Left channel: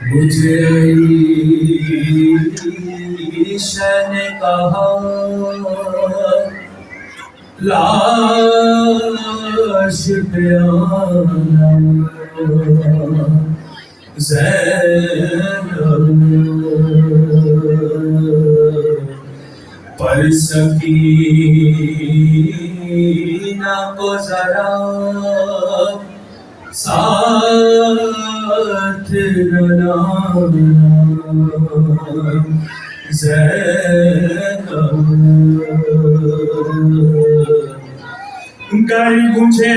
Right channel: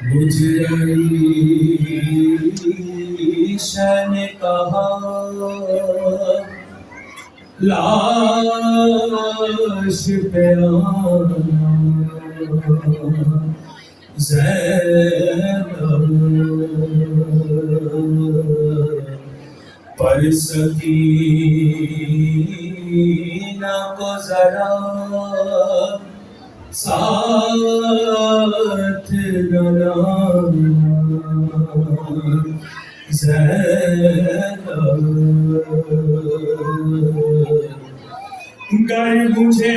مجھے عیشا نے کہا لاش پہ آنا زینب پر سکینہ کو ذرا ساتھ نہ لانا زینب گر مجھے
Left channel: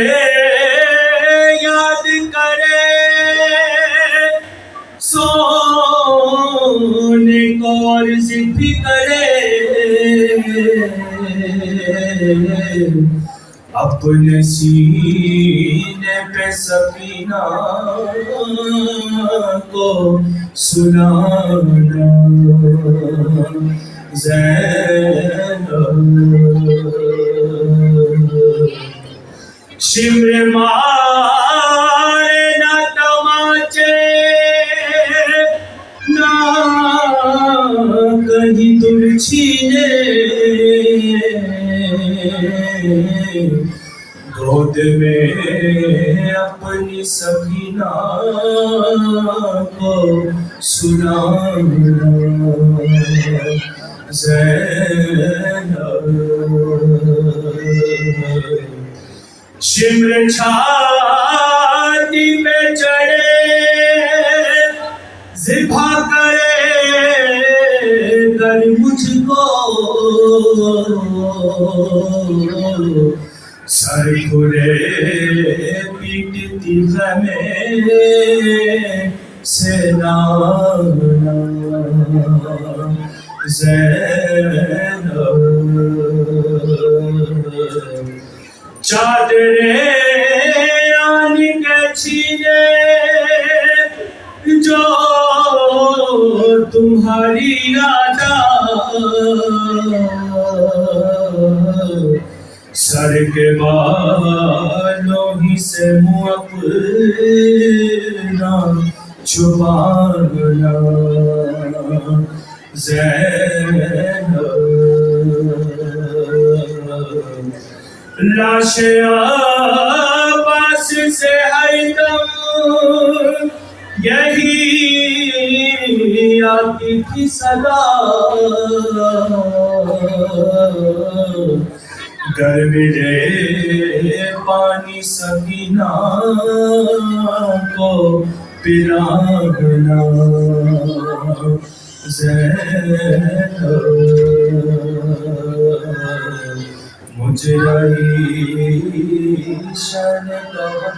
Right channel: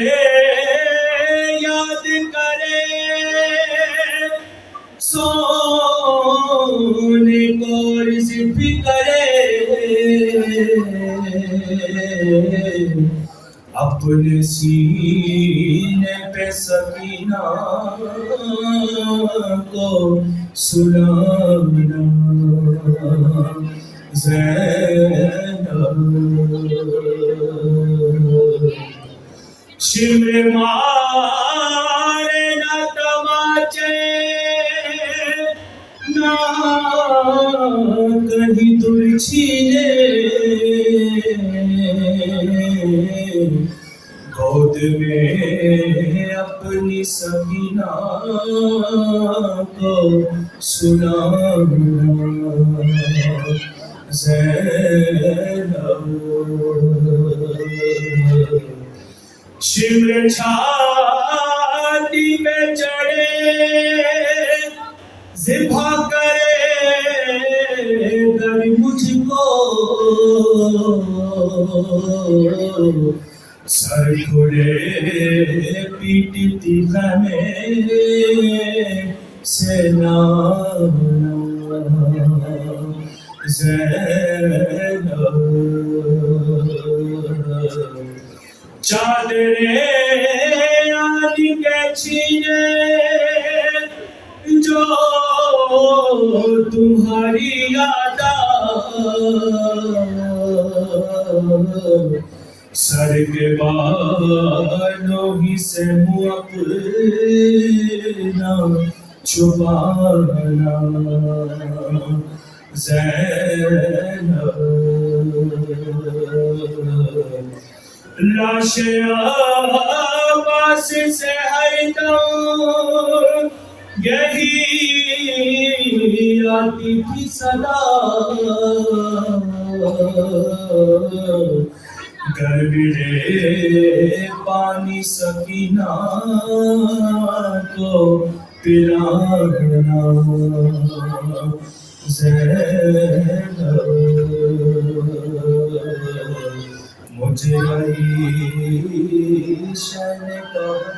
یاد کرے سونے کو عرض بھی کرے اپنے سینے پہ سکینہ کو سلانا زینب شمر مارے نہ تماچے نہ کہیں دل چھینے گود میں اپنی سکینہ کو سلانا زینب شمر چھاتی پہ چڑھے ذبح کرے در مجھ کو سر کھلے پیٹتی خیمے سے لانا زینب چادریں آنی کے چھینے جو تمہاری یادا سر کے بالوں ہی سے منہ اپنا چھپانا زینب لاش عباس سے حیدر یہی آتی تھی صدا گر ملے پانی سکینہ کو پلانا زینب مجھے عیشا نے کہا